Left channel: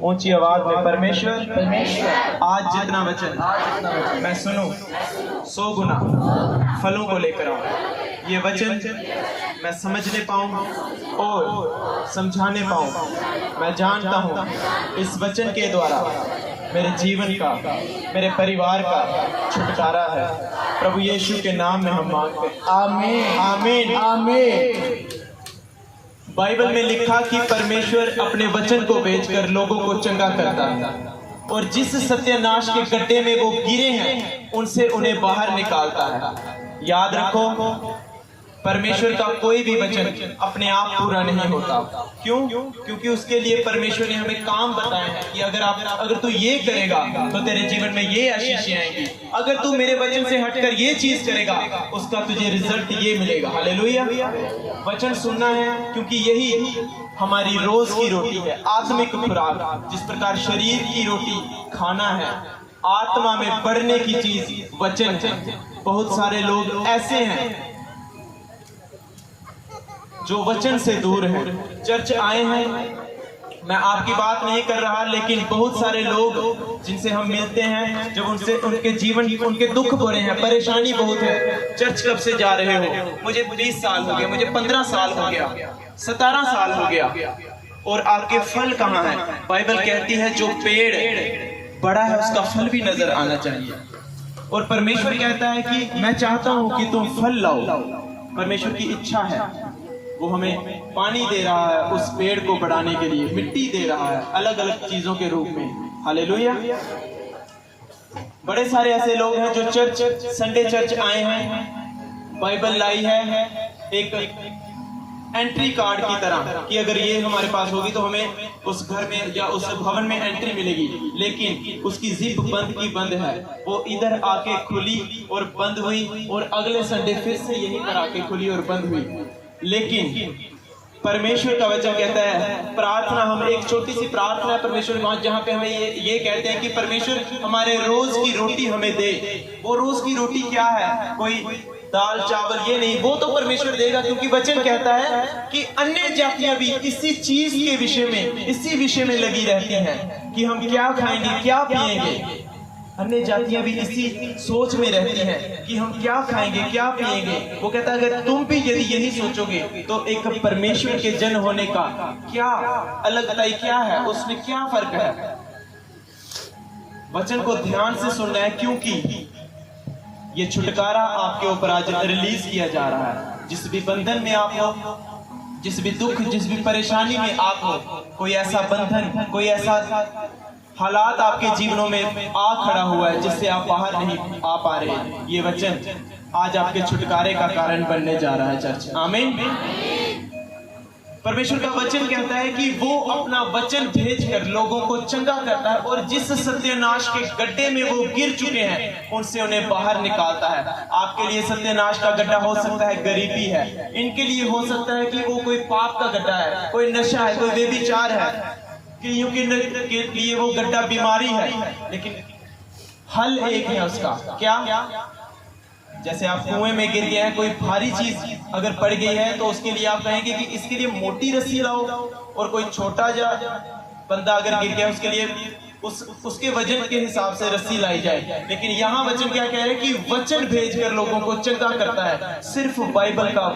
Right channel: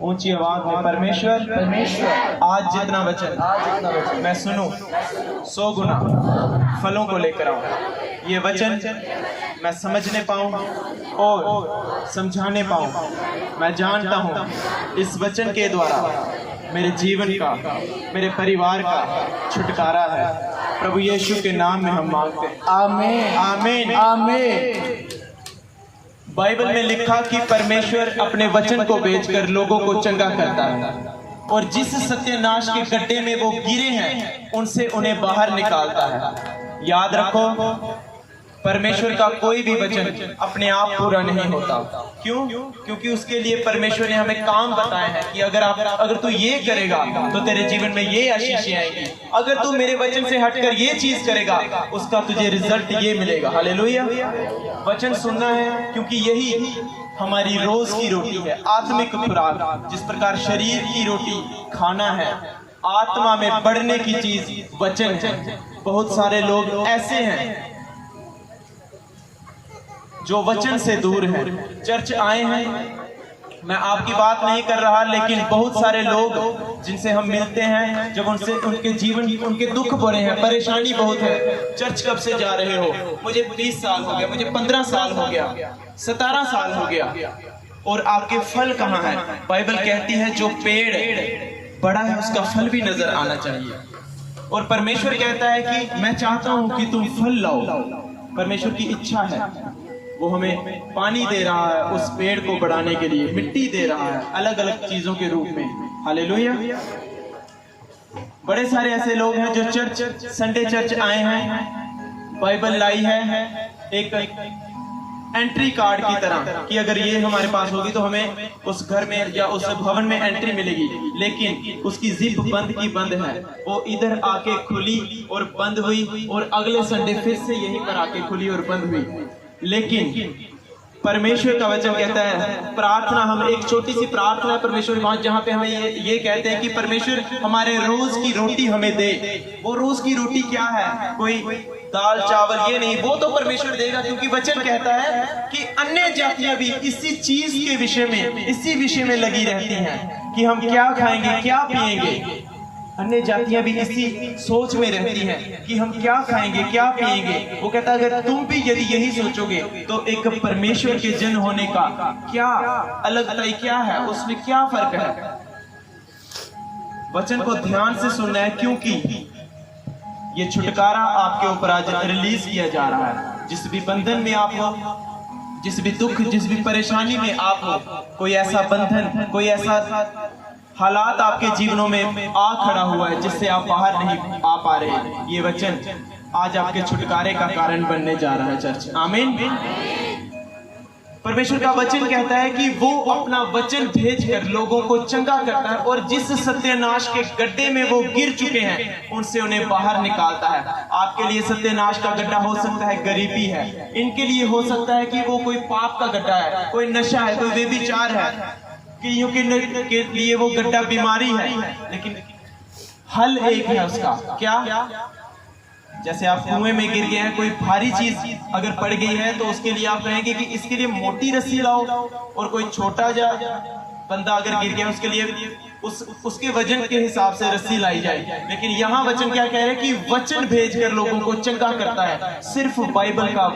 ऊंची आवाज में परमेश्वर आज जितना वचन मैं सुनूं 100 गुना फलों को लेकर आऊं। ये वचन मैं समझने पाऊं और समझाने पाऊं। मैं जानता हूं इस वचन के द्वारा मेरे जीवन का, मेरे परिवार का छुटकारा है। प्रभु यीशु के नाम में हम मांगते हैं, आमीन आमीन आमीन। बाइबल में लिखा कि परमेश्वर अपने वचन को भेजकर लोगों को चंगा करता है और जिस सत्यानाश के गड्ढे में वो गिरे हैं उनसे उन्हें बाहर निकालता है। याद रखो, परमेश्वर का कोई भी वचन अपने आप पूरा नहीं होता। क्यों? क्योंकि उसके लिए परमेश्वर ने हमें काम बताए हैं कि अगर तू ये करेगा तो तेरे जीवन में ये आशीषें आएंगी। अगर तू मेरे वचन से हटकर ये चीज करेगा उसका तुझे रिजल्ट ये मिलेगा। हालेलुया। वचन सुनना है क्योंकि यही हमारी रोज की रोटी है, आत्मिक खुराक। जिस प्रकार शरीर की रोटी खाना है, आत्मा में बढ़ने की चीज वचन है। बहुत सारे लोग ऐसे हैं जो वचन से दूर हैं। चर्च आए हैं, मैं आपकी बात नहीं कर रहा, लेकिन बहुत सारे लोग जिनसे हम मिलते हैं, जब उनसे उनके जीवन, उनके दुख भरे हैं, परेशानी बहुत है। चर्च कब से जा रहे हो? मुझे 20 साल हो गया, मुझे 15 साल हो गया, 17 साल हो गया, और आपके फल कहाँ है? बाइबल कहती है जो पेड़ बड़ा है उसका फल भी नजर आना चाहिए। और परमेश्वर कहता है कि मैं चाहता हूं कि तुम फल लाओ। परमेश्वर की इच्छा है, वो हमें पानी दे रहा है उस पेड़ को बढ़ाने के लिए, मिट्टी दे रहा है अलग अलग चीजों के रूप में। हालेलुया। बड़े सारे ऐसे लोग हैं जो चर्च, संडे चर्च आए हैं, बाइबल लाई है एक एंट्री कार्ड की तरह कि अगर ये हमारे पास होगी तो हमें उस घर में या उस भवन में एंट्री मिलेगी, लेकिन उसकी जिप बंद की बंद है। वो इधर आके खुली और बंद हुई और अगले संडे फिर से यहीं पर आके खुली और बंद हुई। लेकिन परमेश्वर का वचन कहता है, प्रार्थना, हम एक छोटी सी प्रार्थना है परमेश्वर जहाँ पे हमें ये कहते हैं कि परमेश्वर हमारे रोज की रोटी हमें दे। वो रोज की रोटी क्या है? कोई दाल चावल ये नहीं, वो तो परमेश्वर देगा, क्योंकि वचन कहता है कि अन्य जातियां भी इसी चीज के विषय में, इसी विषय में लगी रहती हैं कि हम क्या खाएंगे, क्या पिएंगे। अन्य जातियां भी इसी सोच में रहती हैं कि हम क्या खाएंगे, क्या पिएंगे। वो कहता है अगर तुम भी यदि यही सोचोगे तो एक परमेश्वर के जन होने का क्या अलगताई, क्या है उसमें, क्या फर्क है। वचन को ध्यान से सुनना है, क्योंकि ये छुटकारा आपके ऊपर आज रिलीज किया जा रहा है। जिस भी बंधन में आप हो, जिस भी दुख, जिस भी परेशानी में आप हो, कोई ऐसा बंधन, कोई ऐसा हालात आपके जीवनों में आ खड़ा हुआ है जिससे आप बाहर नहीं आ पा रहे, ये वचन आज आपके छुटकारे का कारण बनने जा रहा है। चर्च आमीन। परमेश्वर का वचन कहता है कि वो अपना वचन भेजकर लोगों को चंगा करता है और जिस सत्यानाश के गड्ढे में वो गिर चुके हैं उनसे उन्हें बाहर निकालता है। आपके लिए सत्यानाश का गड्ढा हो सकता है गरीबी है, इनके लिए हो सकता है कि वो कोई पाप का गड्ढा है, कोई नशा है, कोई व्यभिचार है, कईयों के लिए वो गड्ढा बीमारी है। लेकिन हल एक है उसका, क्या? जैसे आप कुएं में गिर गए हैं, कोई भारी चीज अगर पड़ गई है तो उसके लिए आप कहेंगे कि इसके लिए मोटी रस्सी लाओ, और कोई छोटा जा बंदा अगर गिर गया उसके लिए उसके वजन के हिसाब से रस्सी लाई जाए। लेकिन यहाँ वचन क्या कह रहे हैं कि वचन भेजकर लोगों को चंगा करता है। सिर्फ बाइबल का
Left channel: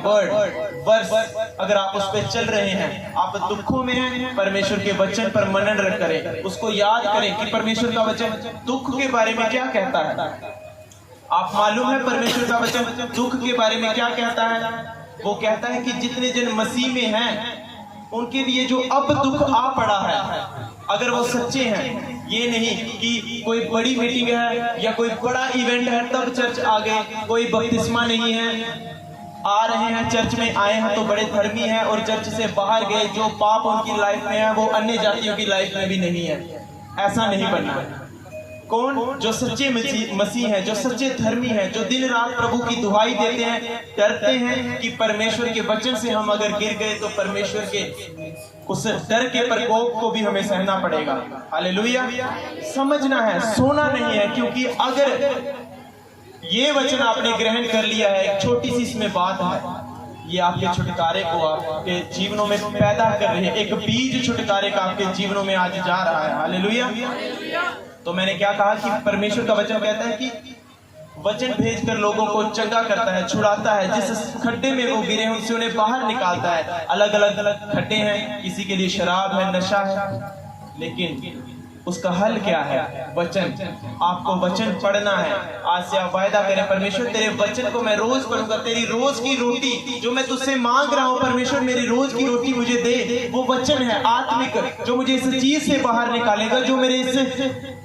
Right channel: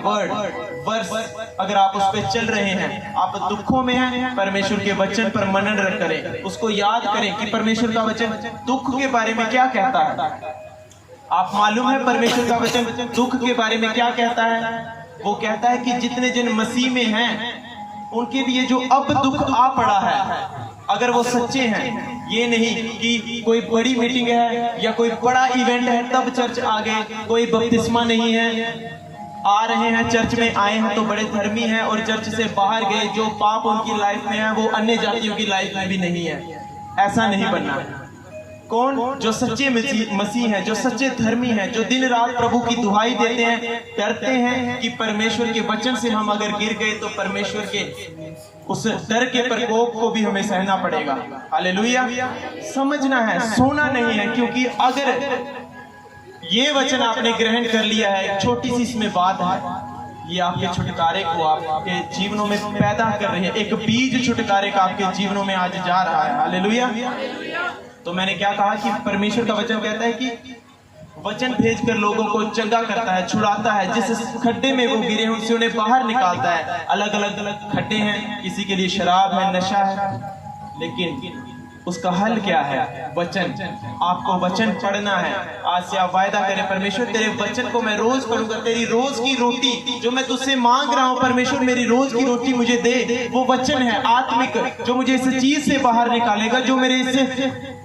वर्स अगर आप उस पर चल रहे हैं, आप दुखों में हैं, परमेश्वर के वचन पर मनन करें, उसको याद करें कि परमेश्वर का वचन दुख के बारे में क्या कहता है। आप मालूम है परमेश्वर का वचन दुख के बारे में क्या कहता है? वो कहता है कि जितने जन मसीह में हैं उनके लिए जो अब दुख आ पड़ा है, अगर वो सच्चे हैं, ये नहीं कि कोई बड़ी मीटिंग है या कोई बड़ा इवेंट है तब चर्च आ गए, कोई बपतिस्मा नहीं है, आ रहे हैं चर्च में, आए हैं तो बड़े धर्मी हैं, और चर्च से बाहर गए, जो पाप उनकी लाइफ में है वो अन्य जातियों की लाइफ में भी नहीं है। ऐसा नहीं बनना है। कौन? जो सच्चे मसीह हैं, जो सच्चे धर्मी हैं, जो दिन रात प्रभु की दुहाई देते हैं, डरते हैं कि परमेश्वर के वचन से हम अगर गिर गए तो परमेश्वर के उस डर के प्रकोप को भी हमें सहना पड़ेगा। हालेलुया। समझना है, सोना नहीं है, क्योंकि अगर ये वचन आपने ग्रहण कर लिया है, छोटी सी इसमें बात है ये आपके छुटकारे को आपके जीवनों में पैदा कर रहे हैं। एक बीज छुटकारे का आपके जीवनों में आज जा रहा है। हालेलुया। तो मैंने क्या कहा कि परमेश्वर का वचन कहता है कि वचन भेजकर लोगों को चंगा करता है, छुड़ाता है। जिस खड्डे में वो गिरे हैं उनसे उन्हें बाहर निकालता है। अलग अलग खड्डे हैं, किसी के लिए शराब है, नशा है, लेकिन उसका हल क्या है? वचन। आपको वचन पढ़ना है। आज से आप वायदा करें, परमेश्वर तेरे वचन को मैं रोज पढ़ूंगा। तेरी रोज की रोटी जो मैं तुझसे मांग रहा हूँ, परमेश्वर मेरी रोज की रोटी मुझे दे। वो वचन है आत्मिक, जो मुझे इस चीज से बाहर निकालेगा, जो मेरे इससे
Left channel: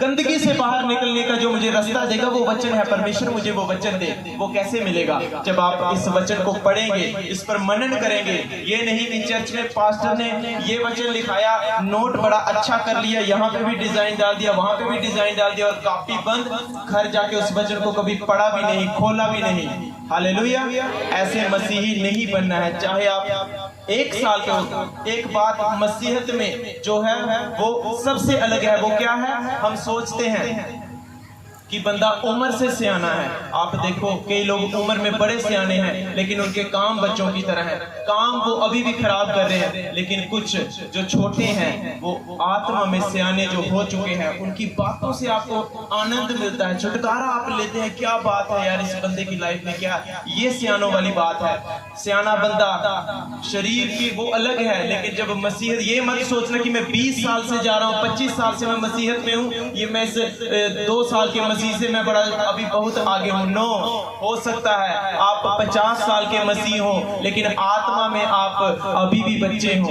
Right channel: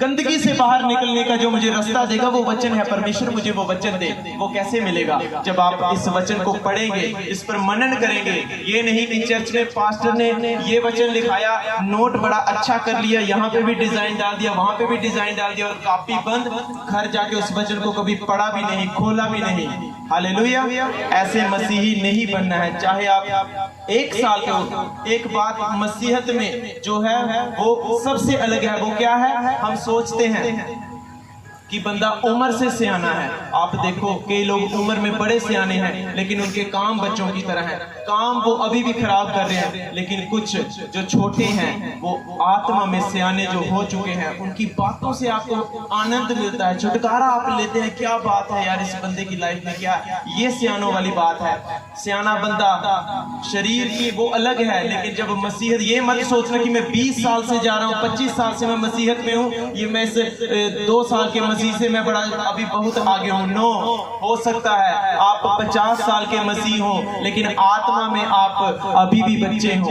गंदगी से बाहर निकलने का जो मुझे रास्ता देगा, वो वचन है। परमेश्वर मुझे वो वचन दे। वो कैसे मिलेगा? जब आप इस वचन को पढ़ेंगे, इस पर मनन करेंगे। ये नहीं कि चर्च में पास्टर ने ये वचन लिखाया, नोट बड़ा अच्छा कर लिया, यहाँ पे भी डिजाइन डाल दिया, वहां पे भी डिजाइन डाल दिया, और कॉपी बंद, घर जाके उस वचन को कभी पढ़ा भी नहीं, खोला भी नहीं। हालेलुया। ऐसे मसीही नहीं बनना है। चाहे आप 1 साल के हो। एक बात मसीहत में जो है वो सबसे अलग है। वो क्या है? हम सोचते हैं कि बंदा उम्र से सियाना है। आप देखो, कई लोग उम्र में बड़े सियाने हैं, लेकिन उनके काम बच्चों की तरह हैं। काम वो अभी भी खराब कर रहे हैं, लेकिन कुछ जो छोटे हैं वो आत्मा में सियाने जो हो चुके हैं, उनकी बातों से आपको आनंद मिलता है, छुटकारा आप लेते हैं। क्या बात है यार, इस बंदे की लाइफ में क्या है? ये सियानों वाली बात है। सियाना बंदा शरीर की वो अलग है, लेकिन जब मसीहत, ये मत सोचना कि मैं 20 साल से जा रहा हूँ, 25 साल से मैं मसीहत में हूँ, ये मैं 2 साल के मसीह से मैं बड़ा अभी बहुत आगे हूँ। नो, हो सकता है आप 50 साल के मसीह हो, लेकिन आत्मा में आप अभी भी बच्चे हो।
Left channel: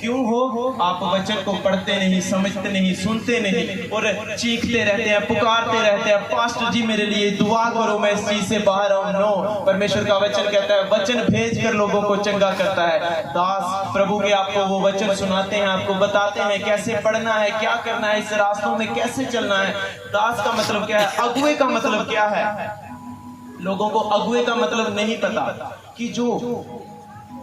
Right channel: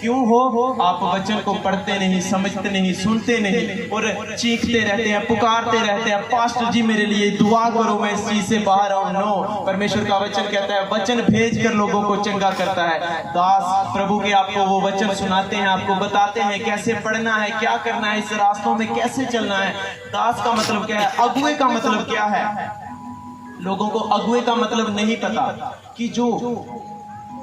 क्यों हो? आप वचन को पढ़ते नहीं, समझते नहीं, सुनते नहीं, और चीखते रहते हैं, पुकारते रहते हैं, पास्टर जी मेरे लिए दुआ करो, मैं इस चीज से बाहर आऊं। नो, परमेश्वर का वचन कहता है वचन भेजकर लोगों को चंगा करता है। दास प्रभु के आपको वो वचन सुनाते हैं, आपको बताते हैं कैसे पढ़ना है, क्या करना है, इस रास्तों में कैसे चलना है। दास का मतलब क्या है? अगुए का मतलब क्या है? लोगों को अगुए का मतलब नहीं पता कि जो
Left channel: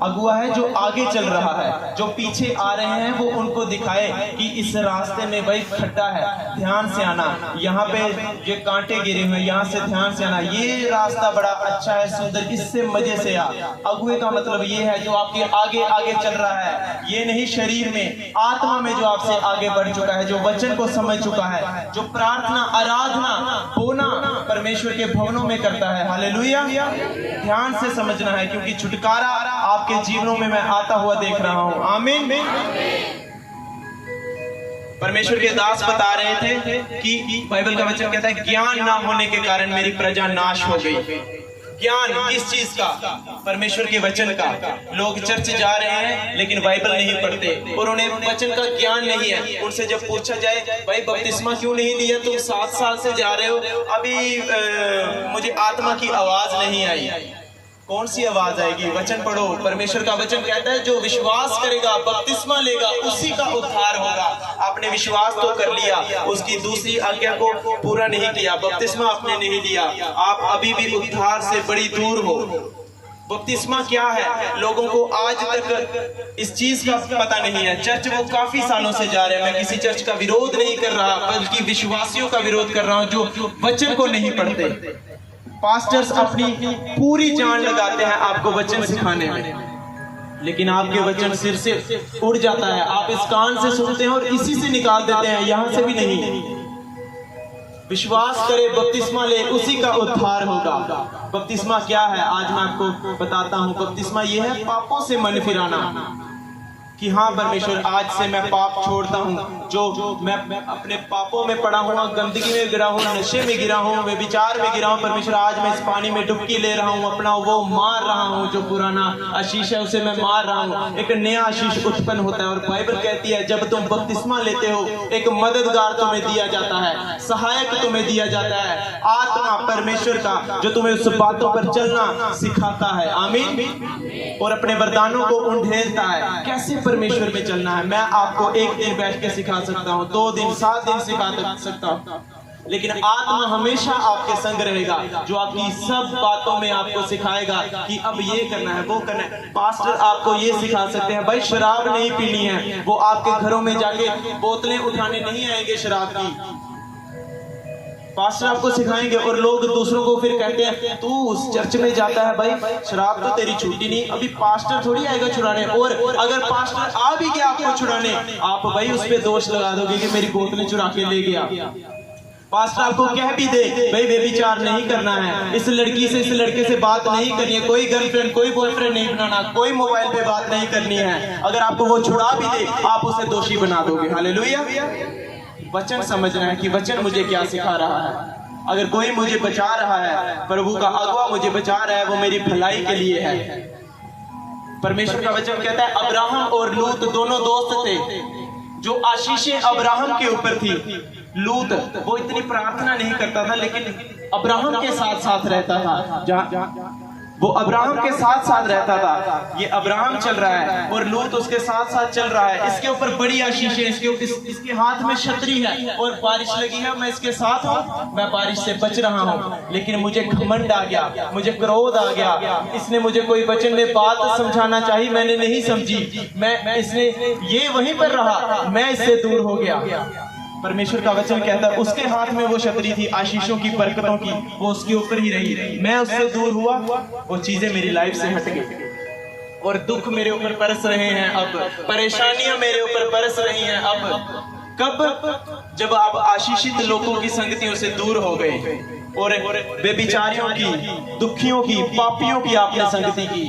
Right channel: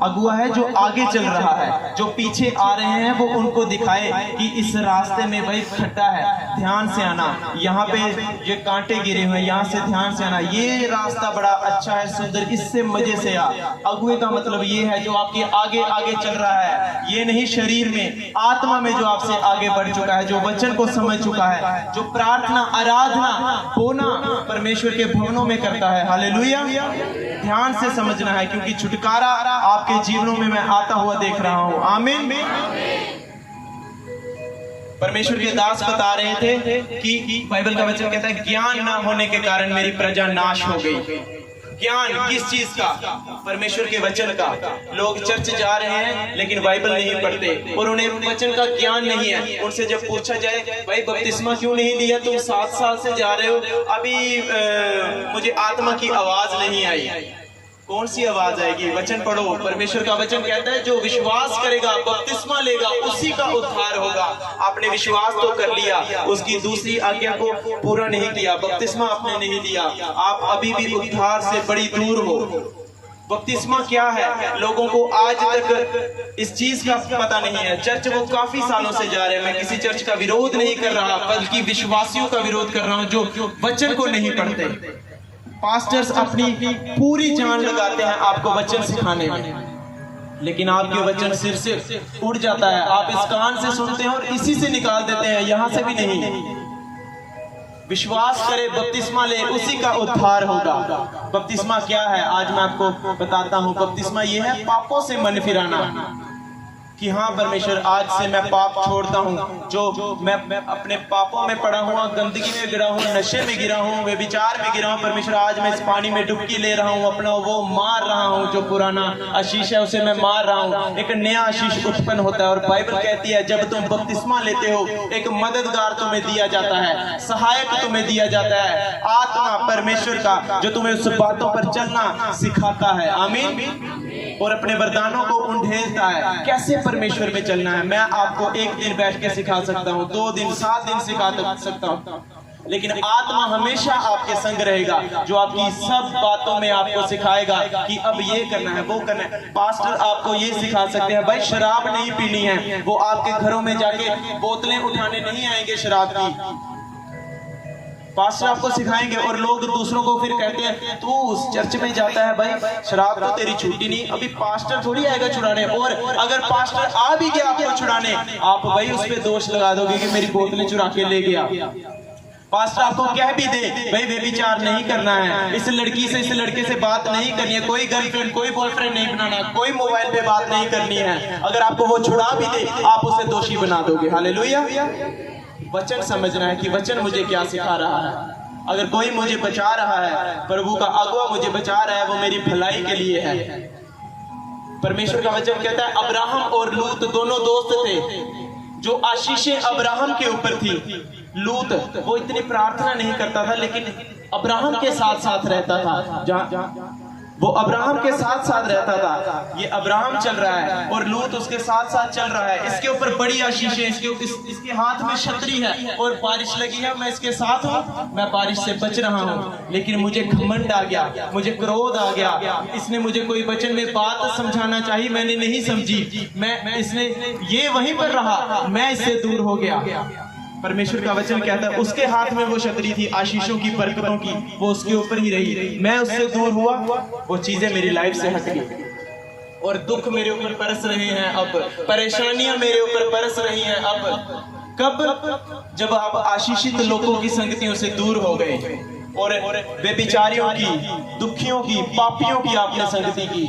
अगुआ है जो आगे चल रहा है, जो पीछे आ रहे हैं वो उनको दिखाए कि इस रास्ते में भाई खड्डा है, ध्यान से आना, यहाँ पे ये कांटे गिरे हुए हैं, यहाँ से ध्यान से आना, ये रास्ता बड़ा अच्छा है, सुंदर, इससे मजे से आ। अगुए का मतलब ये है जो आपके आगे आगे चल रहा है। ये नहीं शरीर में, आत्मा में जो आपसे आगे बढ़ चुका है, जो वचन को समझ चुका है, जो प्रार्थना, आराधना, होना परमेश्वर के भवनों में करता है। हालेलुया। ध्यान से समझना है, क्योंकि छुटकारा आपके जीवनों में मैं आता हुआ देख रहा हूं। आमीन। परमेश्वर के दास बता रहे थे कि बाइबल का वचन कहता है ज्ञान ना होने के कारण मेरी प्रजा नाश हो गई। ज्ञान किस चीज का? परमेश्वर के वचन का। लोग चर्च जा रहे हैं लेकिन बाइबल नहीं पढ़ते और उन्हें वचन का ज्ञान नहीं है। उनसे जब पूछा जाए भाई बपतिस्मा क्यों नहीं लिया, तुम 7 साल से जा रहे हो, अभी मुझे आत्मा की आवाज नहीं आई। कौन सी आवाज आएगी? वचन पढ़ो। परमेश्वर का वचन कहता है जो विश्वास करेगा, बपतिस्मा लेगा, उसी का उद्धार होगा। आपने विश्वास तो कर लिया, उसकी दूसरी आज्ञा को पूरा नहीं किया, बपतिस्मा आपने नहीं लिया, आप अभी भी उद्धार से बड़ी दूर हो। बपतिस्मा क्या है? लोगों को आज तक इस चीज का पता नहीं है। चर्च वो काफी सालों से जा रहे हैं। मैं किसी चर्च का विरोध नहीं कर रहा, बल्कि विश्वासियों का विरोध कर रहा हूँ जो वचन को नहीं पढ़ते। पास्टर्स अपनी पूरी जान लगाते हैं आपको वचन सिखाने में, लेकिन आपके वचन सिर से उड़ जाता है। आप इस कान से सुनते हैं और इसी से निकाल देते हैं, यहां से भी नहीं। विश्वास करे, बपतिस्मा ले, उसी का उद्धार होगा। बपतिस्मा क्या है? आज मैं आपको बताता हूं। बपतिस्मा यह है पापों से मन फिराना, कि हाँ परमेश्वर आज से मैं पाप छोड़ता हूँ। जो मैं अपने पापों में पड़ा हुआ, गंदगी में गिरा हूँ, नशे में गिरा हूँ, व्यभिचार में गिरा हूँ, परमेश्वर आज मैं इस पानी में डुबकी ले रहा हूँ, अपना वो मार रहा हूँ, जो पुराना आशीष है उसे मैं मार रहा हूँ। एक नया आशीष उत्पन्न होता है। और बाइबल कहती है जब तुम बपतिस्मा लेते हो, एक मददगार तुम्हें दिया जाता है, सहायक तुम्हें दिया जाता है, आत्मा परमेश्वर का, जो तुम्हें उस बातों पर चलना सिखाता है। आमीन। और अपने वरदानों को उंडेलता है। कैसे परमेश्वर में चलना है मैं आपको एक दिन बैठ के सिखा सकता हूँ, 2 दिन, 7 दिन सिखा सकता हूँ, लेकिन आत्मा हमेशा आपके संग रहेगा, जो आपकी सब बातों में आपको सिखाएगा कि अब ये करना है, वो करना है। पास्टर आपको ये सिखा सकते हैं भाई शराब नहीं पीनी है, वो आपके घरों में जाके बोतलें उठाने नहीं आएंगे शराब की। पास्टर आपको सिखाएंगे और लोग दूसरों को फिर कहते हैं तू उस चर्च में जाता है भाई, शराब तो तेरी छूटी नहीं। अभी पास्टर थोड़ी आएगा छुड़ाने, और अगर पास्टर आ भी गया आपको छुड़ाने, आप भाई उस पर दोष लगा दोगे कि मेरी बोतलें चुरा के ले गया। पास्टर आपको कह भी दे भाई व्यभिचार नहीं करना है, इस लड़की से इस लड़के से बात नहीं करनी है, कोई गर्लफ्रेंड कोई बॉयफ्रेंड नहीं बनाना, कोई मोबाइल पे बात नहीं करनी है, अगर आपको वो छुड़ा भी दे आप उसे दोषी बना दोगे। हालेलुया। वचन समझना है कि वचन मुझे क्या सिखा रहा है। अगर कोई मुझे बचा रहा है, प्रभु का अगुआ मुझे बचा रहा है, वो मेरी भलाई के लिए है। परमेश्वर का वचन कहता है अब्राहम और लूत दोनों दोस्त थे, जो आशीषें अब्राहम के ऊपर थी। लूत वो इतनी प्रार्थना नहीं करता था, लेकिन अब्राहम के साथ साथ रहता था। वो अब्राहम के साथ साथ रहता था। ये अब्राहम चल रहा है और लूत उसके साथ साथ चल रहा है। इसके ऊपर बड़ी आशीष है, इसके हाथ में छतरी है और बारिश लगी है, मैं इसके साथ हूँ, मैं बारिश से बच रहा हूँ। लेकिन मुझे घमंड आ गया, मुझे क्रोध आ गया, इसने मुझे कोई वचन में बात समझाना चाहिए, मैंने नहीं समझी, इसने ये वहीं पर रहा, मैं इससे दूर हो गया। परमेश्वर का वचन कहता है उसके हाथ में वो छतरी थी आशीषों की, बरकतों की, वो उसके ऊपर ही रही। मैं उससे दूर हुआ, वो चीजें मेरी लाइफ से हट गई और दुख मेरे ऊपर बरस रहे हैं, अब परेशानियां मेरे ऊपर बरस रही हैं। अब कब? जब आप आशीषित लोगों की संगतियों से दूर हो गए और बेबिचारियों की, दुखियों की, पापियों की आपने संगति की।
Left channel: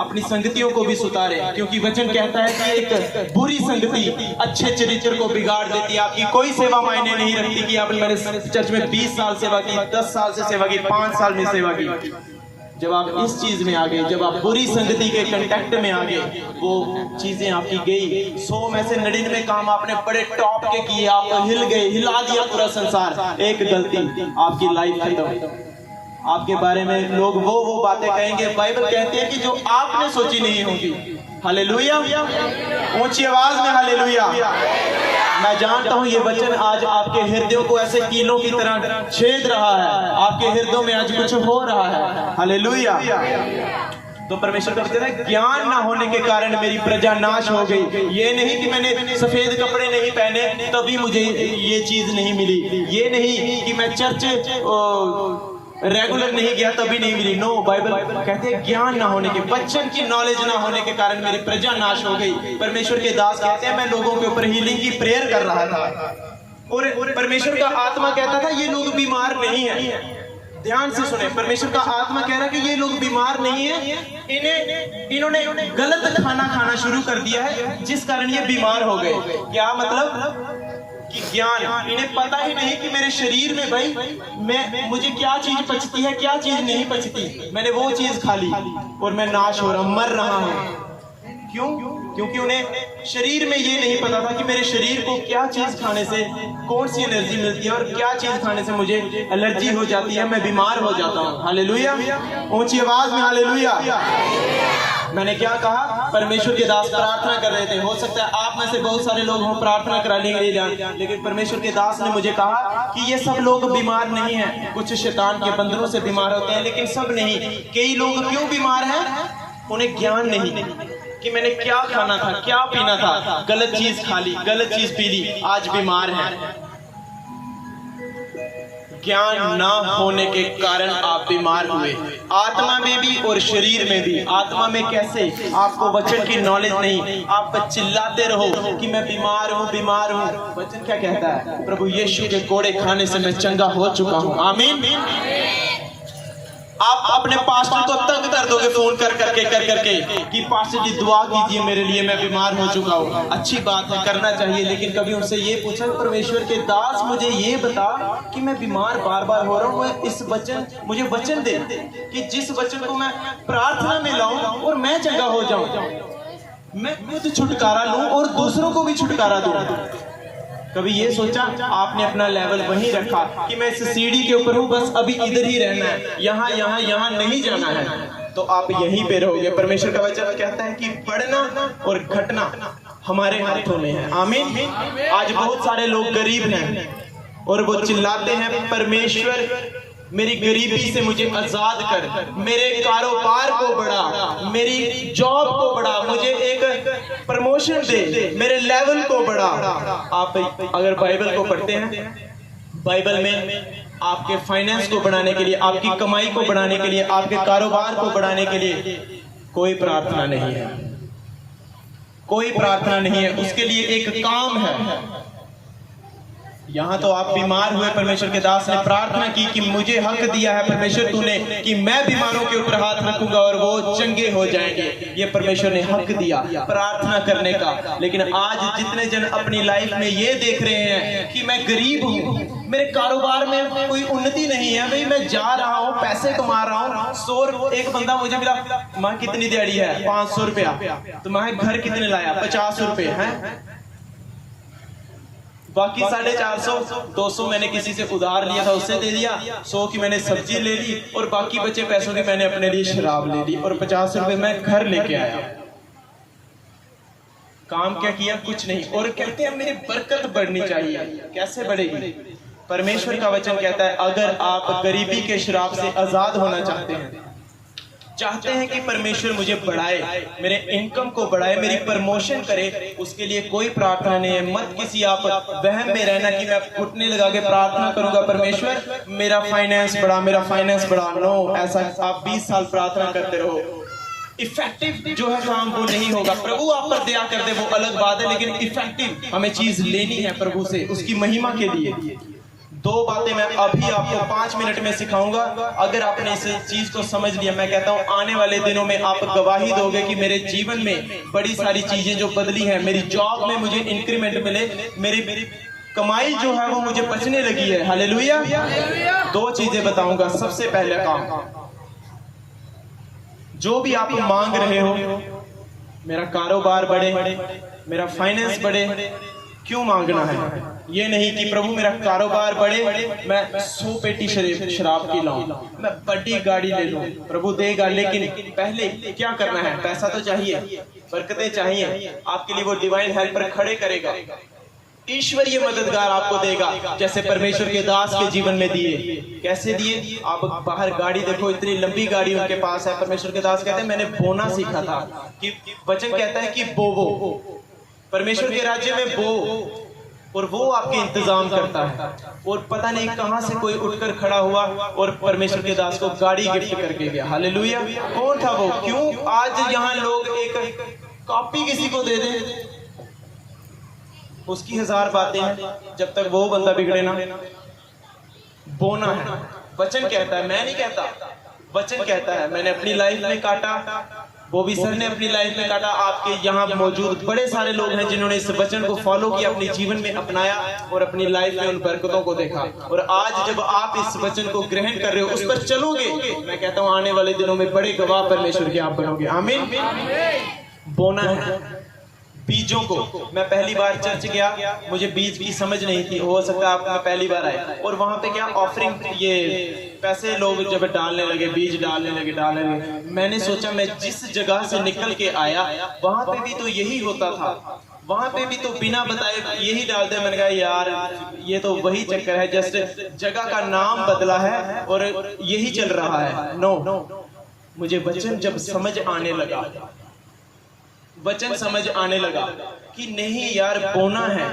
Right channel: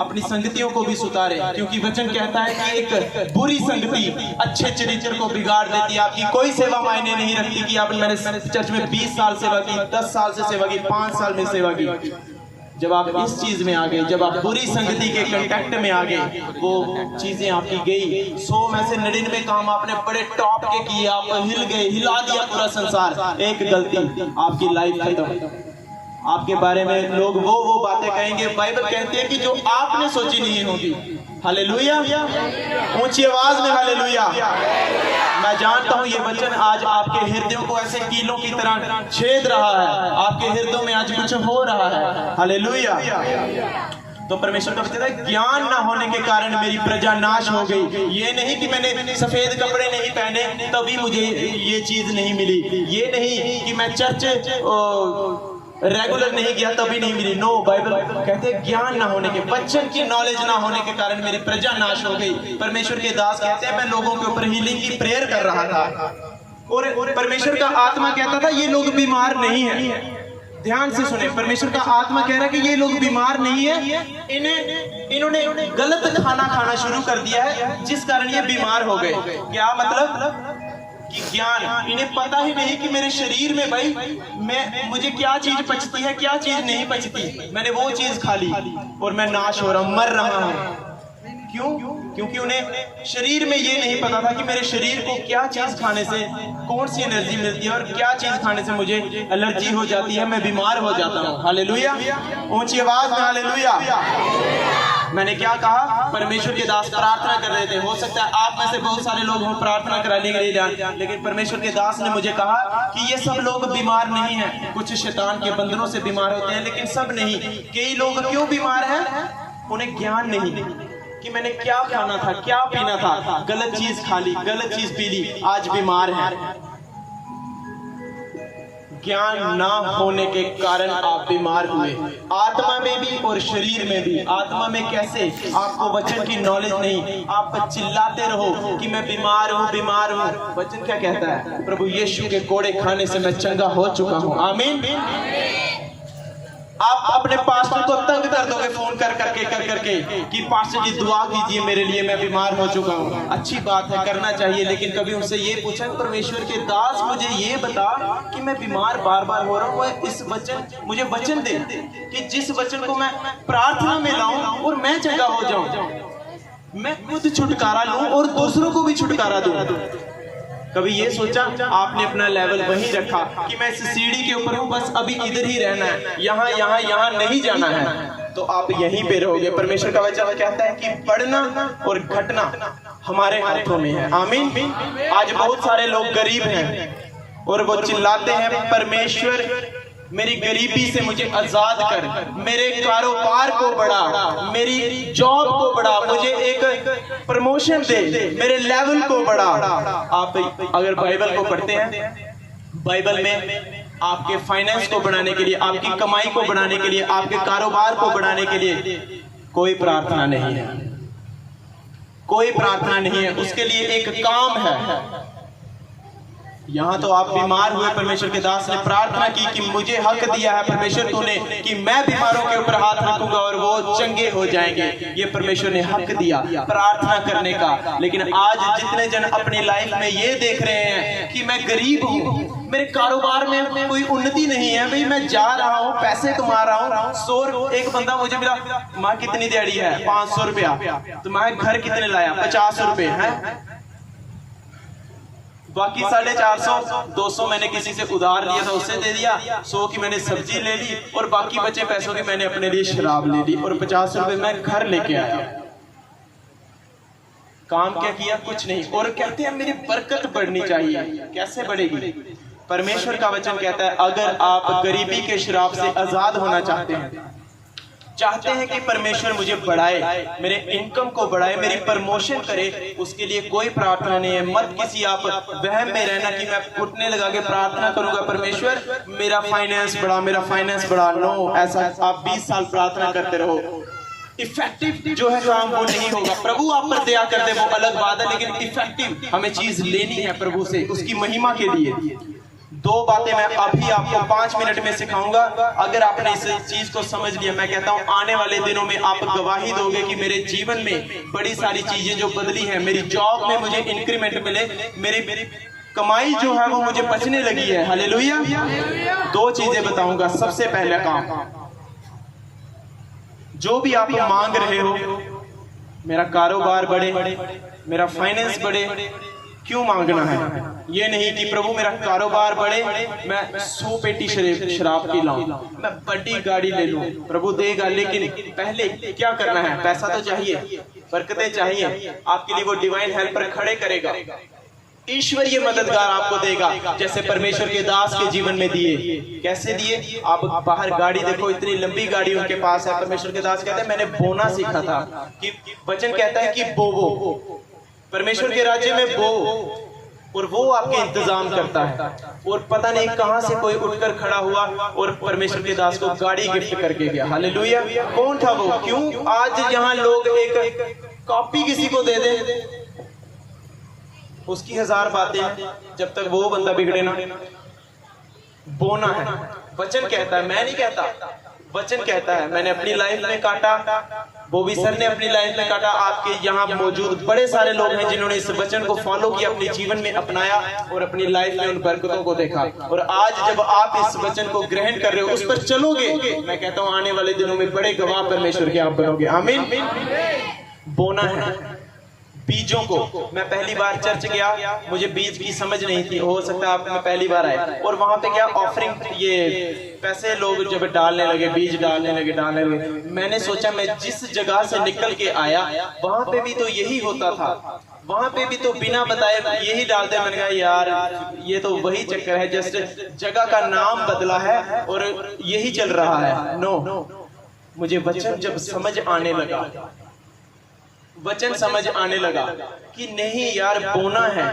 अपनी संगतियों को भी सुधारें, क्योंकि वचन कहता है कि एक बुरी संगति अच्छे चरित्र को बिगाड़ देती है। आपकी कोई सेवा मायने नहीं रखती कि आपने मेरे चर्च में 20 साल सेवा की, 10 साल से सेवा की, 5 साल में सेवा की। जब आप इस चीज में आ गए, जब आप बुरी संगति के कांटेक्ट में आ गए, वो चीजें आपकी गई। 100 में से 99 काम आपने बड़े टॉप के किए, आप हिल गए, हिला दिया पूरा संसार। एक गलती, आपकी लाइफ खत्म। आपके बारे में लोग वो बातें कहेंगे, बाइबल कहते हैं कि जो आपने सोची नहीं होगी। हालेलुया। ऊंची आवाज में हालेलुया। मैं जानता हूं ये वचन आज आपके हृदयों को ऐसे कीलों की तरह छेद रहा है, आपके हृदयों में आज कुछ हो रहा है। हालेलुया। तो परमेश्वर का वचन है ज्ञान ना होने के कारण मेरी प्रजा नाश हो गई। ये नहीं कि मैंने सफेद कपड़े नहीं पहने तभी मुझे ये चीज नहीं मिली, ये नहीं कि मैं चर्च रेगुलर नहीं गया तभी नहीं मिली। नो, बाइबल कहते हैं ज्ञान ना होने के, वचन की नॉलेज ना होने के कारण मेरी प्रजा नाश हो गई। परमेश्वर के दास कहते हैं मैं लोगों के ऊपर हीलिंग की प्रेयर कर रहा था और परमेश्वर का आत्मा कहता था ये लोग बीमार नहीं है। ध्यान से सुने, परमेश्वर का आत्मा कह रहा है कि ये लोग बीमार नहीं है, इन्होंने गलत खाना खाना शुरू कर दिया है जिस कारण ये बीमार हो गए। क्या मतलब? कि ज्ञान, इन्हें पता ही नहीं कि मेरे शरीर में भाई मुझे क्या चीज पचती है, क्या चीज नहीं पचती। मैंने वो चीज खा ली और मैं नाश हो रहा हूं, मर रहा हूं। क्यों? क्योंकि उन्हें शरीर में ये नहीं पता था कि मेरे शरीर को क्या चीज खाने से कौन सी एनर्जी मिलती है और क्या चीज खाने से मुझे एलर्जी हो जाती है, मैं बीमार हो जाता हूँ। हालेलुया। ऊंची आवाज में हालेलुया। मैंने क्या कहा? परमेश्वर के दास प्रार्थना कर रहे थे। हो सकता है आप में से बहुत सारे लोग हो प्रार्थना कराने के लिए जाएं, लेकिन परमेश्वर के दास ने मुझे कहा कि ये सब लोग बीमार नहीं हैं। कुछ शैतान के बंदरों से बीमार होते हैं, लेकिन सब नहीं। कई लोग क्यों बीमार हैं? उन्हें ज्ञान नहीं कि मैंने क्या खाना था, क्या पीना था, गलत चीज खा ली, गलत चीज पी ली, आज बीमार है। ज्ञान ना होने के कारण आप बीमार हुए, आत्मा में भी और शरीर में भी। आत्मा में कैसे? आपको वचन की नॉलेज नहीं, आप चिल्लाते रहो कि मैं बीमार हूँ, बीमार हूँ। वचन क्या कहता है? प्रभु यीशु के कोड़े खाने से मैं चंगा हो चुका हूँ। आमीन। आप अपने पास्टर को तंग कर दोगे फोन कर करके कि पास्टर जी दुआ कीजिए मेरे लिए, मैं बीमार हो चुका हूँ। अच्छी बात है, करना चाहिए, लेकिन कभी उनसे ये पूछा परमेश्वर के दास मुझे ये बता कि मैं बीमार बार बार हो रहा हूँ, इस वचन मुझे वचन दे कि जिस वचन को मैं प्रार्थना में लाऊं और मैं चंगा हो जाऊं, मैं खुद छुटकारा लूं और दूसरों को भी छुटकारा दूं। कभी ये सोचा? आपने अपना लेवल वही रखा कि मैं इस सीढ़ी के ऊपर हूँ, बस अभी इधर ही रहना है, यहाँ नहीं जाना है, तो आप यहीं पे रहोगे। परमेश्वर का वचन कहता है कि बढ़ना और घटना हमारे हाथों में है। आमीन। आज बहुत सारे लोग गरीब हैं और वो चिल्लाते हैं परमेश्वर मेरी गरीबी से मुझे आजाद कर, मेरे कारोबार को बढ़ा, मेरी जॉब को बढ़ा, मुझे एक प्रमोशन दे, मेरे लेवल को बढ़ा। आप अगर बाइबल को पढ़ते हैं, बाइबल में आपके फाइनेंस को बढ़ाने के लिए, आपकी कमाई को बढ़ाने के लिए, आपके कारोबार को बढ़ाने के लिए कोई प्रार्थना नहीं है, कोई प्रार्थना नहीं है। उसके लिए एक काम है। यहां तो आप बीमार हुए, परमेश्वर के दास ने प्रार्थना की कि मुझे हक दिया है परमेश्वर तूने कि मैं बीमारों के ऊपर हाथ रखूंगा और वो चंगे हो जाएंगे। ये परमेश्वर ने हक दिया प्रार्थना करने का। लेकिन आज जितने जन अपनी लाइफ में ये देख रहे हैं कि मैं गरीब हूं, मेरे कारोबार में कोई उन्नति नहीं है, भाई मैं जा रहा हूं, पैसे कमा रहा हूं, एक बंदा मुझे मिला, माँ कितनी दिहाड़ी है, 500 रुपया, तो मैं घर कितने लाया, 50 रुपए है, बाकी 450, 200 मैंने किसी से उधार लिया था उससे दे दिया, 100 की मैंने सब्जी ले ली और बाकी बचे पैसों की मैंने अपने लिए शराब ले ली और 50 रुपए मैं घर लेके आया। काम क्या किया? कुछ नहीं। और कहते हैं मेरी बरकत बढ़नी चाहिए। कैसे बढ़ेगी? परमेश्वर का वचन कहता है अगर आप गरीबी के श्राप से आजाद होना चाहते हैं कि परमेश्वर मुझे बढ़ाए, मेरे इनकम को बढ़ाए, मेरी प्रमोशन करे, उसके लिए कोई प्रार्थना नहीं है। मत किसी आप वहम में रहना कि मैं घुटने लगा के प्रार्थना करूंगा परमेश्वर मेरा फाइनेंस बढ़ा, मेरा फाइनेंस बढ़ा। नो, ऐसा आप 20 साल प्रार्थना करते रहो, इफेक्टिव जो है काम वो नहीं होगा। प्रभु आप पर दया कर दे वो अलग बात है, लेकिन इफेक्टिव हमें चीज लेनी है प्रभु से, उसकी महिमा के लिए। 2 बातें मैं अभी आपको 5 मिनट में सिखाऊंगा। अगर आपने इस चीज को समझ लिया, मैं कहता हूं आने वाले दिनों में आप गवाही दोगे कि मेरे जीवन में बड़ी सारी चीजें जो बदली हैं, मेरी जॉब में मुझे इंक्रीमेंट मिले, मेरी कमाई जो है वो मुझे बचने लगी है। हालेलुया। 2 चीजें बताऊंगा। सबसे पहला काम, जो भी आप मांग रहे हो, मेरा कारोबार बढ़े, मेरा फाइनेंस बढ़े, क्यों मांगना है? ये नहीं कि प्रभु मेरा कारोबार बढ़े, मैं 100 पेटी शराब की लाऊं, मैं बड़ी गाड़ी ले लूं, प्रभु देगा। लेकिन पहले क्या करना है? पैसा तो चाहिए, बरकतें चाहिए, आपके लिए वो डिवाइन हेल्पर खड़े करेगा, ईश्वरीय मददगार आपको देगा, जैसे परमेश्वर के दास के जीवन में दिए। कैसे दिए? आप बाहर गाड़ी देखो, इतनी लंबी गाड़ी उनके पास है। परमेश्वर के दास कहते हैं मैंने बोना सीखा था, कि वचन कहता है कि बोवो, परमेश्वर के राज्य में बो, और वो आपके इंतजाम करता है। और पता नहीं कहां से कोई उठकर खड़ा हुआ और परमेश्वर के दास को गाड़ी गिफ्ट करके गया। हालेलुया। कौन था वो? क्यों आज यहाँ लोग एक कॉपी किसी को दे दे, उसकी 1000 बातें हैं, जब तक वो बंदा बिगड़े ना। बोना है, वचन कहता है, मैं नहीं कहता, वचन कहता है। मैंने अपनी लाइफ में काटा, बॉबी सर ने अपनी लाइफ में काटा, आपके यहाँ मौजूद बड़े सारे लोग हैं जिन्होंने इस वचन को फॉलो किया, अपने जीवन में अपनाया और अपनी लाइफ में उन बरकतों को देखा। और आज जब आप इस वचन को ग्रहण कर रहे हो, उस पर चलोगे, मैं कहता हूँ आने वाले दिनों में बड़े गवाह परमेश्वर के आप बनोगे। आमीन। बोना है बीजों को। मैं पहली बार चर्च गया, मुझे बीज की समझ नहीं थी, हो सकता है आप पहली बार आए, और वहां पे क्या ऑफरिंग, ये पैसे लोग जब डालने लगे, बीज डालने लगे। मैंने सोचा मैं जिस जगह से निकल के आया वहां पे भी तो यही होता था, वहां पे भी तो बिना बताए यही डालते। मैंने कहा यार ये तो वही चक्कर है, जस्ट जगह का नाम बदला है और यही चल रहा है। नो, मुझे वचन जब समझ आने लगा, वचन समझ आने लगा कि नहीं यार, बोना है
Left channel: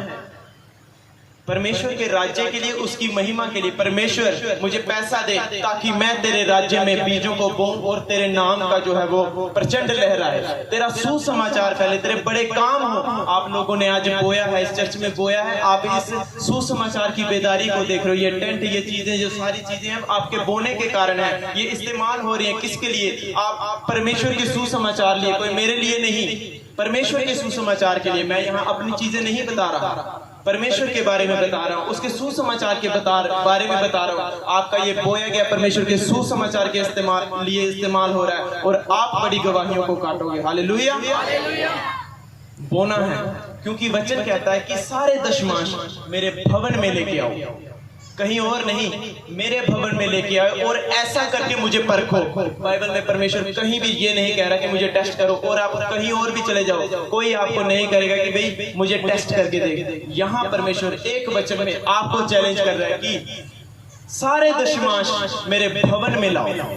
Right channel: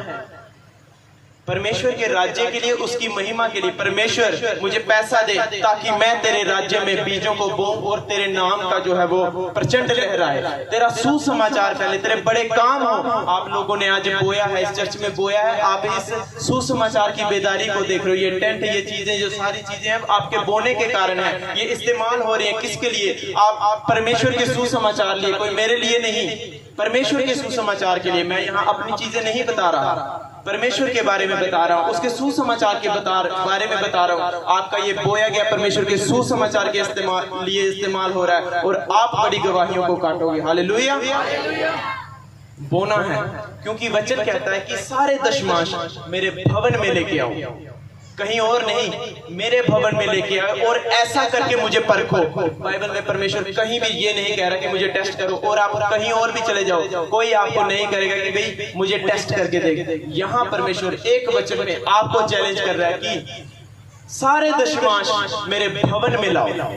परमेश्वर के राज्य के लिए, उसकी महिमा के लिए। परमेश्वर मुझे पैसा दे ताकि मैं तेरे राज्य में बीजों को बो और तेरे नाम का जो है वो प्रचंड लहराए, तेरा सुसमाचार फैले, तेरे बड़े काम हो। आप लोगों ने आज बोया है, इस चर्च में बोया है, आप इस सुसमाचार की बेदारी को देख रहे हो। ये टेंट, ये चीजें, जो सारी चीजें आपके बोने के कारण है, ये इस्तेमाल हो रही है। किसके लिए? आप परमेश्वर के सुसमाचार लिए, कोई मेरे लिए नहीं, परमेश्वर के सुसमाचार के लिए। मैं यहाँ अपनी चीजें नहीं बता रहा, परमेश्वर के बारे में बता रहा हूँ, उसके सुसमाचार के बारे में बता रहा हूँ। आपका ये बोया गया परमेश्वर के सुसमाचार के लिए इस्तेमाल हो रहा है और आप बड़ी गवाहियों को काटोगे। हालेलुया। बोना है, क्योंकि वचन कहता है कि सारे दशमांश मेरे भवन में लेके आओ, कहीं और नहीं, मेरे भवन में लेके आओ और ऐसा करके मुझे परखो। बाइबल में परमेश्वर कहीं भी ये नहीं कह रहा कि मुझे टेस्ट करो और आप कहीं और भी चले जाओ, कोई आपको नहीं करेगा कि भाई मुझे टेस्ट करके दे। यहाँ परमेश्वर एक वचन में आपको चैलेंज कर रहा है कि सारे दशमांश मेरे भवन में लाओ।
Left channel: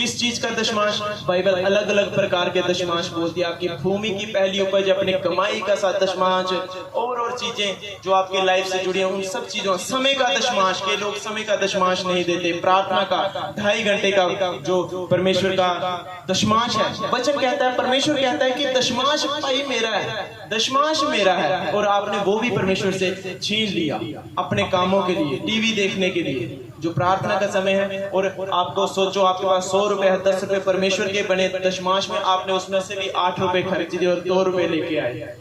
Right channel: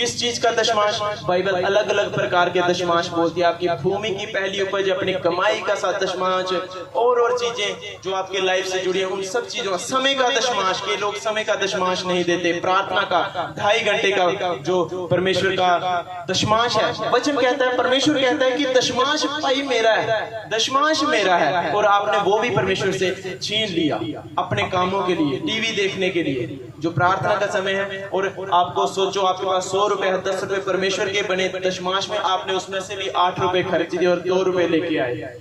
किस चीज का दशमांश? बाइबल अलग अलग प्रकार के दशमांश बोलती है। आपकी भूमि की पहली उपज, अपनी कमाई का साथ दशमांश, और चीजें जो आपके लाइफ से जुड़ी हैं उन सब चीजों। समय का दशमांश, के लोग समय का दशमांश नहीं देते। प्रार्थना का 2.5 घंटे का जो परमेश्वर का दशमांश है, वचन कहता है, परमेश्वर कहता है कि दशमांश भाई मेरा है, दशमांश मेरा है, और आपने वो भी परमेश्वर से छीन लिया अपने कामों के लिए, टीवी देखने के लिए। जो प्रार्थना का समय है, और आपको सोचो आपके पास 100 रुपए है, 10 रुपए परमेश्वर के बने दशमांश में, आपने उसमें से भी 8 रुपए खर्च दिए और 2 रुपए लेके आए।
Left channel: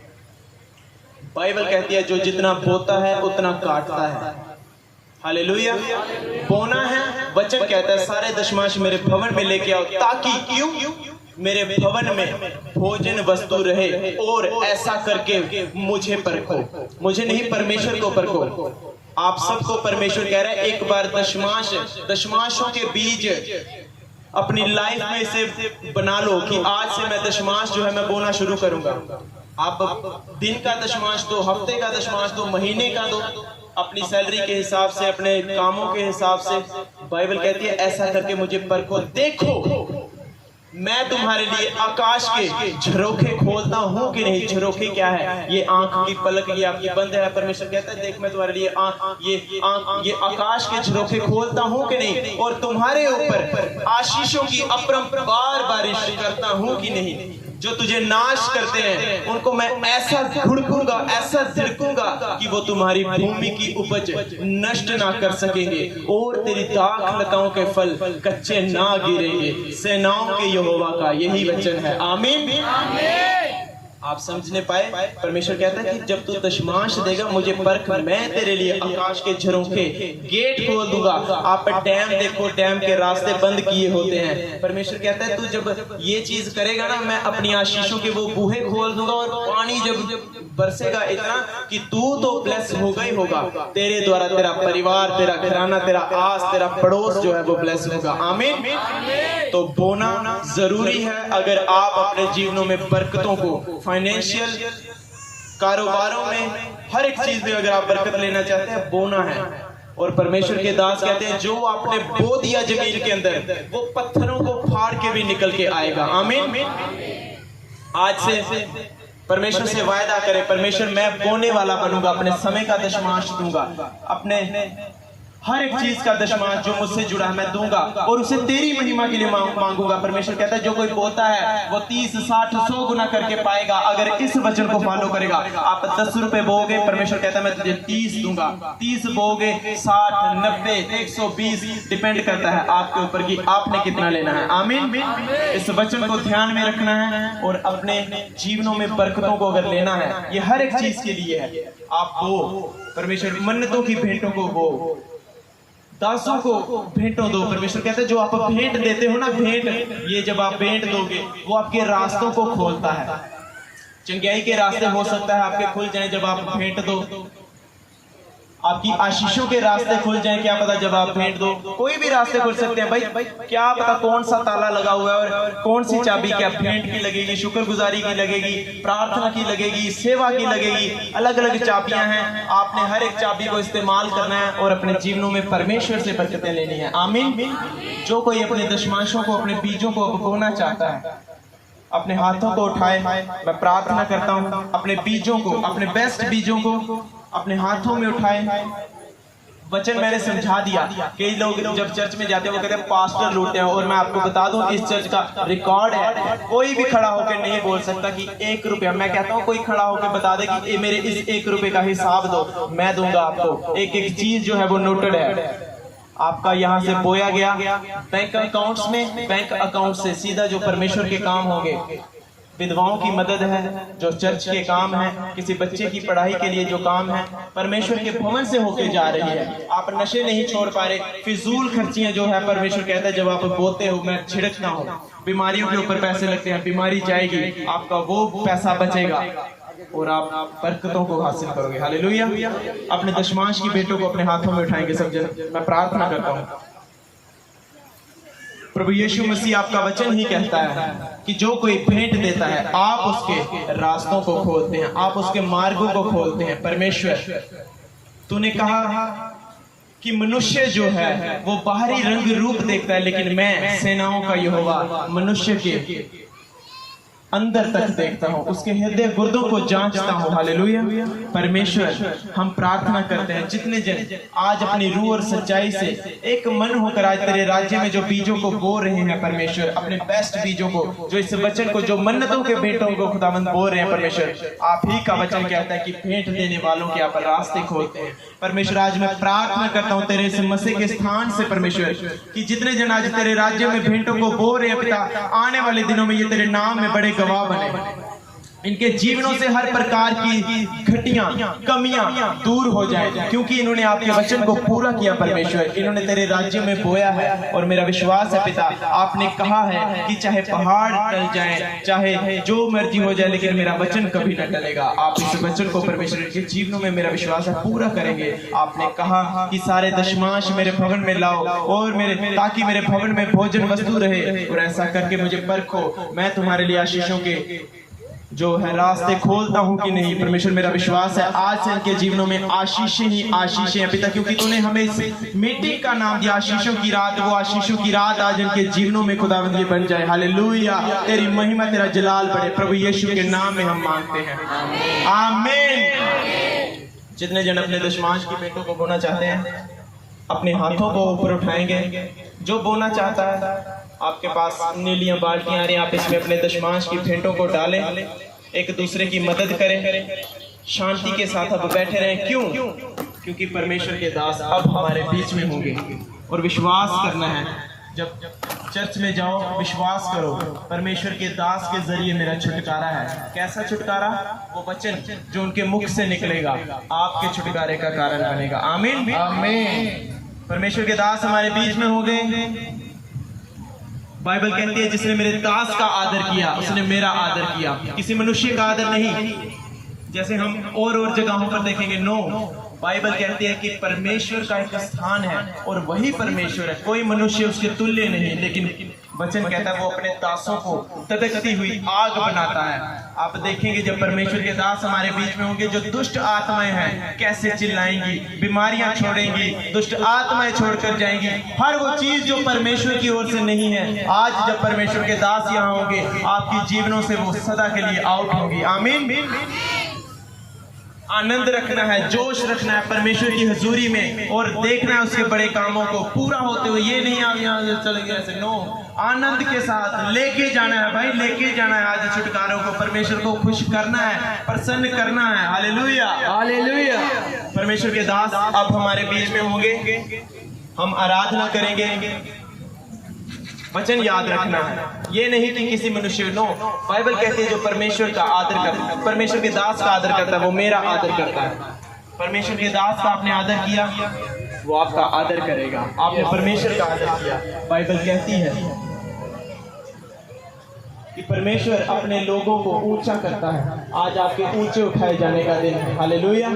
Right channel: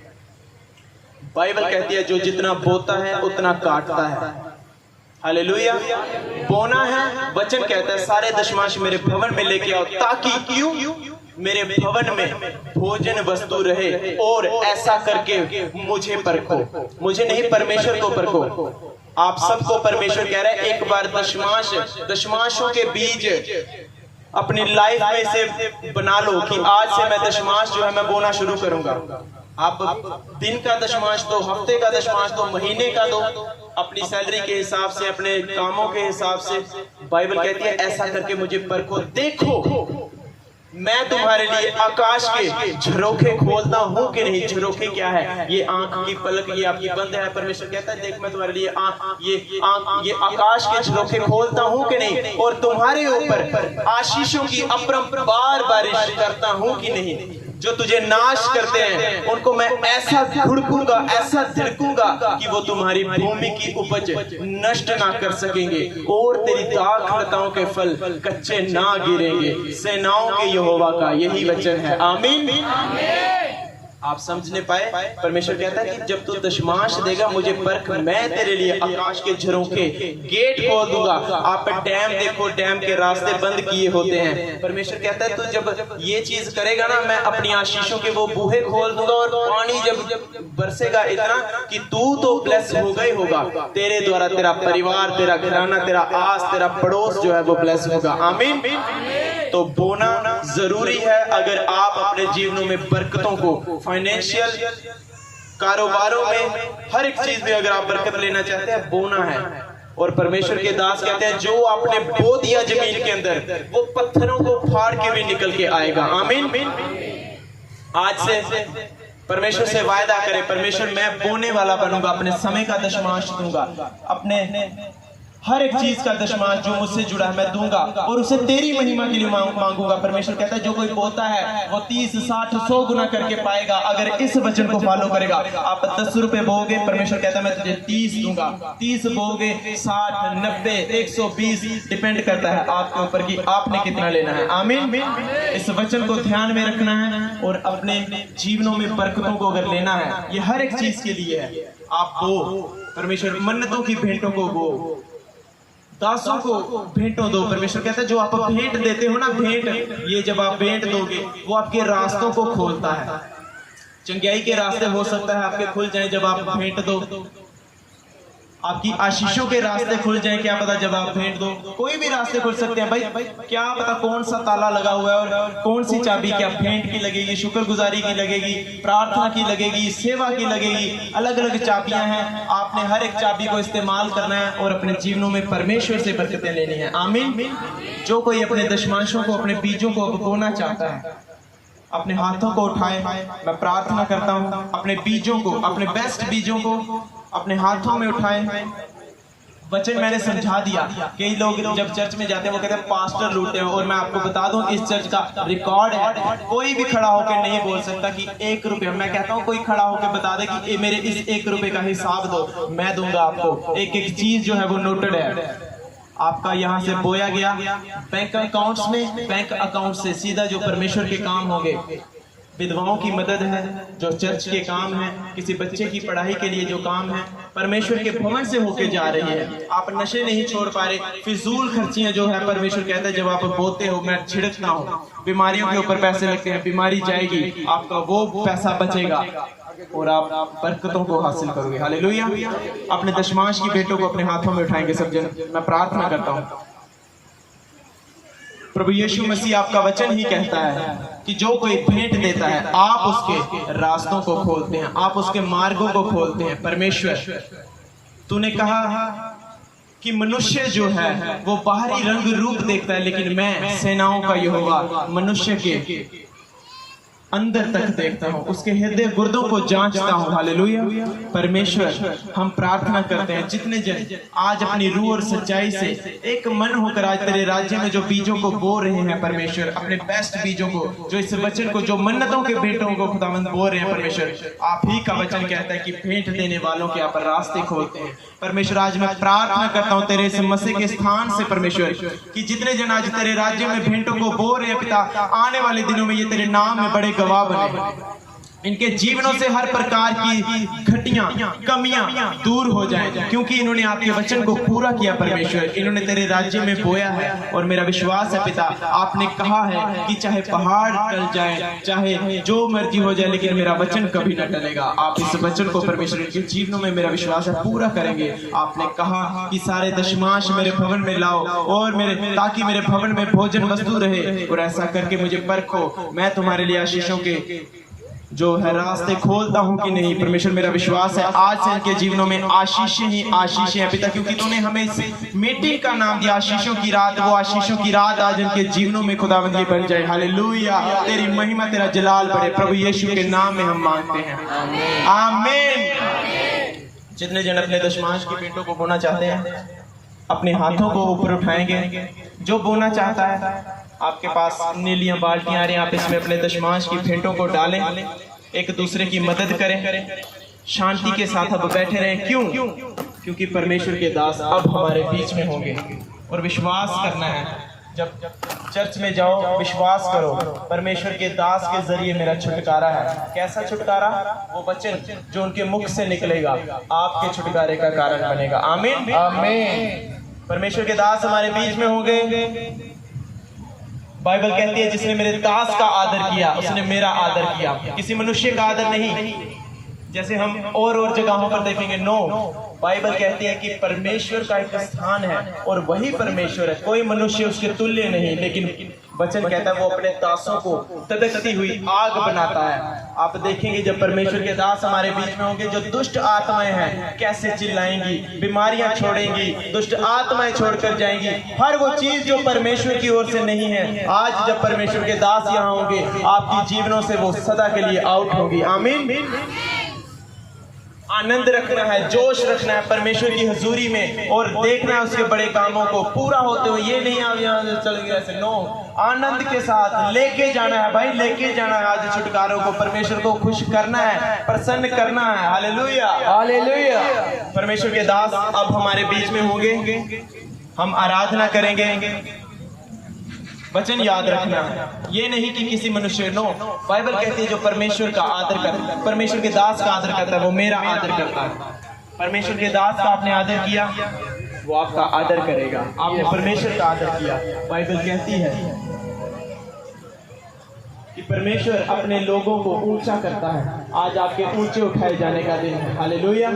बाइबल कहती है जो जितना बोता है उतना काटता है। हालेलुया। बोना है, वचन कहता है सारे दशमांश मेरे भवन में लेके आओ, ताकि क्यों? मेरे भवन में भोजन वस्तु रहे, और ऐसा करके मुझे परखो। मुझे नहीं, परमेश्वर को परखो। आप सबको परमेश्वर कह रहा है एक बार दशमांशों के बीज अपनी लाइफ में से बना लो कि आज से मैं दशमांश जो है मैं बोना शुरू करूंगा। आप दिन का दशमांश दो, हफ्ते का दशमांश दो, महीने का दो, अपनी सैलरी के हिसाब से, अपने कामों के हिसाब से। बाइबल कहती है ऐसा करके मुझे परखो, देखो मैं तुम्हारे लिए आकाश के झरोखे खोलता हूँ कि नहीं। झरोखे क्या है? ये आंख की पलक, ये आपकी बंद है। परमेश्वर कहता है देख मैं तुम्हारे लिए ये आकाश के झरोखे खोलता हूँ कि नहीं, और तुम्हारे ऊपर आशीषों की अपरंपार बारिश करता हूँ कि नहीं। जो तुझे नाश करते हैं उनको मैं ऐसा धुड़कूंगा, ऐसा झिड़कूंगा कि वो तुम्हारी भूमि की उपज नष्ट ना कर सकेंगे, और तेरी दाख लताओं के फल कच्चे ना गिरेंगे। सेनाओं के यहोवा का यही वचन है। आमीन। आप समझने पाए? परमेश्वर कहता है कि जब तू दशमांश देगा मुझे परख, मैं तेरे लिए आकाश के झरोखे गेट खोल दूंगा। आप डैम देखो, डैम के रास्ते बंद किए होते हैं। परमेश्वर कहता है तू जब ये चीज करेगा ना, मैं अपनी आशीषों के वो बूहे खोल दूंगा, और पानी जब बरसेगा इतना कि तू तो ब्लेस होगा ही होगा। तेरे द्वारा तेरा परिवार, तेरा घराना, तेरा आस, तेरा पड़ोस जो है वो ब्लेस होगा। आमीन। तो बोना जरूरी है अगर आप अपने जीवनों में बरकतों को, फाइनेंशियल, कारोबारों में, हर एक चीज में अगर आप बरकत लेना चाहते हैं, बोना है। और परमेश्वर के दास कहते हैं जो आपने बो दिया जमीन के अंदर, वो पत्थरों को फाड़ के भी निकल के आएगा। आमीन। आज से परमेश्वर से वायदा करें, परमेश्वर मैं बोने वाला बनूंगा, अपने समय का दशमांश दूंगा, अपने हर एक चीज का दशमांश जो मुझसे जुड़ा है मैं दूंगा, और उसे तेरी महिमा के लिए मांगूंगा। परमेश्वर कहता है जो कोई बोता है वो 30, 60, 100 गुना करके पाएगा अगर इस वचन को फॉलो करेगा। आप 10 रुपए बोगे, परमेश्वर कहता है मैं तुझे 30 दूंगा। 30 बोगे, 60, 90, 120, डिपेंड करता है आपके ऊपर कि आपने कितना लेना है। आमीन। इस वचन को ध्यान में रखना है, और अपने जीवनों में बरकतों को अगर लेना है, ये हर एक चीज के लिए है। आप दो, परमेश्वर मन्नतों की भेंटों को वो दासों को भेंटों दो। परमेश्वर कहता है जो आप भेंट देते हो ना, भेंट, ये जब आप भेंट दोगे वो आपके रास्तों को खोलता है। चंगाई के रास्ते हो सकता है आपके खुल जाएं जब आप भेंट दो, आपकी आशीषों के रास्ते खुल जाएं, क्या पता जब आप भेंट दो। कोई भी रास्ते खुल सकते हैं भाई, क्या पता कौन सा ताला लगा हुआ है और कौन सी चाबी, क्या भेंट की लगेगी, शुक्रगुजारी की लगेगी, प्रार्थना की लगेगी, सेवा की लगेगी। अलग अलग चाबियां हैं, आपने हर एक चाबी को इस्तेमाल करना है और अपने जीवनों में परमेश्वर से बरकतें लेनी है। आमीन। जो कोई अपने दशमांशों को, अपने बीजों को बोना चाहता है, अपने हाथों को उठाए। मैं प्रार्थना करता हूँ अपने बीजों को, अपने बेस्ट बीजों को अपने हाथों में उठाए। वचन मैंने समझा दिया। कई लोग जब चर्च में जाते हैं वो कहते हैं पास्टर लूटते हैं, और मैं आपको बता दूं इस चर्च का रिकॉर्ड है, कोई भी खड़ा होकर नहीं बोल सकता कि 1 रुपया। मैं कहता हूं कोई खड़ा होकर बता दे कि मेरे इस 1 रुपए का हिसाब दो, मैं दूंगा आपको। एक एक चीज जो है वो नोटेड है। आपका यहाँ से बोया गया बैंक अकाउंट्स में, बैंक अकाउंट से सीधा जो परमेश्वर के काम होंगे, विधवाओं की मदद है, जो चर्च के काम है, किसी बच्चे की पढ़ाई के लिए जो काम है, परमेश्वर के भवन से होके जा रही है। आप नशे नहीं छोड़ पा रहे, फिजूल खर्चियां जो है, परमेश्वर कहता है जब आप बोते हो मैं छिड़कता हूँ। बीमारियों के ऊपर पैसे लगते हैं, बीमारी जाएगी, आपका वो पैसा बचेगा और आप बरकतों को हासिल करोगे। हालेलुया। अपने दशमांश की भेंटों को अपने हाथों में उठाएंगे सब जन। मैं प्रार्थना करता हूँ। प्रभु यीशु मसीह आपका वचन ही कहता है कि जो कोई भेंट देता है आप उसके रास्तों को खोलते हैं, आप उसके मार्गों को खोलते हैं। परमेश्वर तूने कहा कि मनुष्य जो है वो बाहरी रंग रूप देखता है, लेकिन मैं सेनाओं का यहोवा मनुष्य के अंदर तक देखता हूँ, उसके हृदय गुर्दों को जांचता हूँ। हालेलुया। परमेश्वर, हम प्रार्थना करते हैं जितने जन आज अपनी रूह और सच्चाई से एक मन होकर आज तेरे राज्य में जो बीजों को बो रहे हैं परमेश्वर, अपने बेस्ट बीजों को, जो इस वचन को, जो मन्नतों के भेंटों को खुदावंद बो रहे हैं परमेश्वर, आप ही का वचन कहता है कि भेंट देने वालों के यहाँ पर रास्ते खोलते हैं। परमेश्वर, आज मैं प्रार्थना करता हूँ तेरे इस मसीह के स्थान से परमेश्वर, कि जितने जन आज तेरे राज्य में भेंटों को बो रहे हैं पिता, आने वाले दिनों में ये तेरे नाम में बड़े गवाह बने, इनके जीवनों से हर प्रकार की घटियां कमियां दूर हो जाएं, क्योंकि इन्होंने आपके वचन को पूरा किया परमेश्वर, इन्होंने तेरे राज्य में बोया है। और मेरा विश्वास है पिता, आपने कहा है कि चाहे पहाड़ टल जाए, चाहे जो मर्जी हो जाए, लेकिन मेरा वचन कभी न टलेगा। आप इस वचन को परमेश्वर के जीवनों में, मेरा विश्वास है, पूरा करेंगे। आपने कहा कि सारे दशमांश मेरे भवन में लाओ और ताकि मेरे भवन में भोजन वस्तु रहे, और ऐसा करके मुझे परखो, मैं तुम्हारे लिए आशीषों के जो है रास्ते खोलता हूं कि नहीं। परमेश्वर, मेरा विश्वास है आज से इनके जीवनों में आशीषें ही आशीषें हैं पिता, क्योंकि तूने हमें इस मीटिंग का नाम दिया आशीषों की रात। वो आशीषों की रात आज इनके जीवनों में खुदावंद की बन जाए। हालेलुया। तेरी महिमा, तेरा जलाल बढ़े। प्रभु यीशु के नाम में हम मांगते हैं, आमीन। जितने जन अपने दशमांश की भेंटों को बोना चाहते हैं, अपने हाथों को ऊपर उठाएंगे। जो बोना चाहता है, आपके पास नीलियां बाल्टियां आ रही हैं, आप इसमें अपने दशमांश की भेंटों को डालें, एक दूसरे की मदद करें, शांति के साथ अब बैठे रहें। क्यों? क्योंकि परमेश्वर के दास अब हमारे बीच में होंगे। और विश्वास करना है, जब चर्च में जाओ विश्वास करो, परमेश्वर के दास के जरिए मेरा छुटकारा है। कैसा छुटकारा? वो वचन जो उनके मुख से निकलेगा आपके छुटकारे का कारण बनेगा। आमीन, आमीन। परमेश्वर के दास हमारे बीच में होंगे। बाइबल कहती है, जिसने मेरे दास का आदर किया उसने मेरा आदर किया। किसी मनुष्य का आदर नहीं, जैसे हम और जगहों पर देखेंगे। नो, बाइबल कहती है कि परमेश्वर का एक स्थान है और वही परमेश्वर है, कोई मनुष्य उसके तुल्य नहीं। लेकिन वचन कहता है वो अपने दासों को तदकती हुई आग बनाता है। आप देखेंगे जब परमेश्वर के दास हमारे बीच में होंगे, जो दुष्ट आत्माएं हैं कैसे चिल्लाएंगी, बीमारियां छोड़ेंगी, दुष्ट आत्माएं छोड़कर जाएंगी। हर वो चीज जो परमेश्वर की ओर से नहीं है, आज जब परमेश्वर के दास यहाँ होंगे, आपकी जीवनों से वो सदा के लिए आउट होगी। आमीन। आनंद रखना है, जोश रखना है परमेश्वर की हजूरी में, और देखना है उसके बड़े कामों को पूरा होते हुए। ये नहीं आप यहाँ चलेंगे ऐसे, नो, आनंद के साथ लेके जाना है भाई, लेके जाना है आज छुटकारों को। परमेश्वर को खुश करना है, प्रसन्न करना है। Hallelujah, hallelujah. परमेश्वर के दास अब हमारे बीच में होंगे, हम आराधना करेंगे। वचन याद रखना है, ये नहीं कि किसी मनुष्य। नो, बाइबल कहती है जो परमेश्वर का आदर करता है, परमेश्वर के दास का आदर करता है, वो मेरा आदर करता है। परमेश्वर के दास का आपने आदर किया, वो आपका आदर करेगा। आपने परमेश्वर का आदर किया। बाइबल कहती है कि परमेश्वर अपने लोगों को ऊंचा करता है। आज आपके ऊंचे उठाए जाने का दिन है। हालेलुया।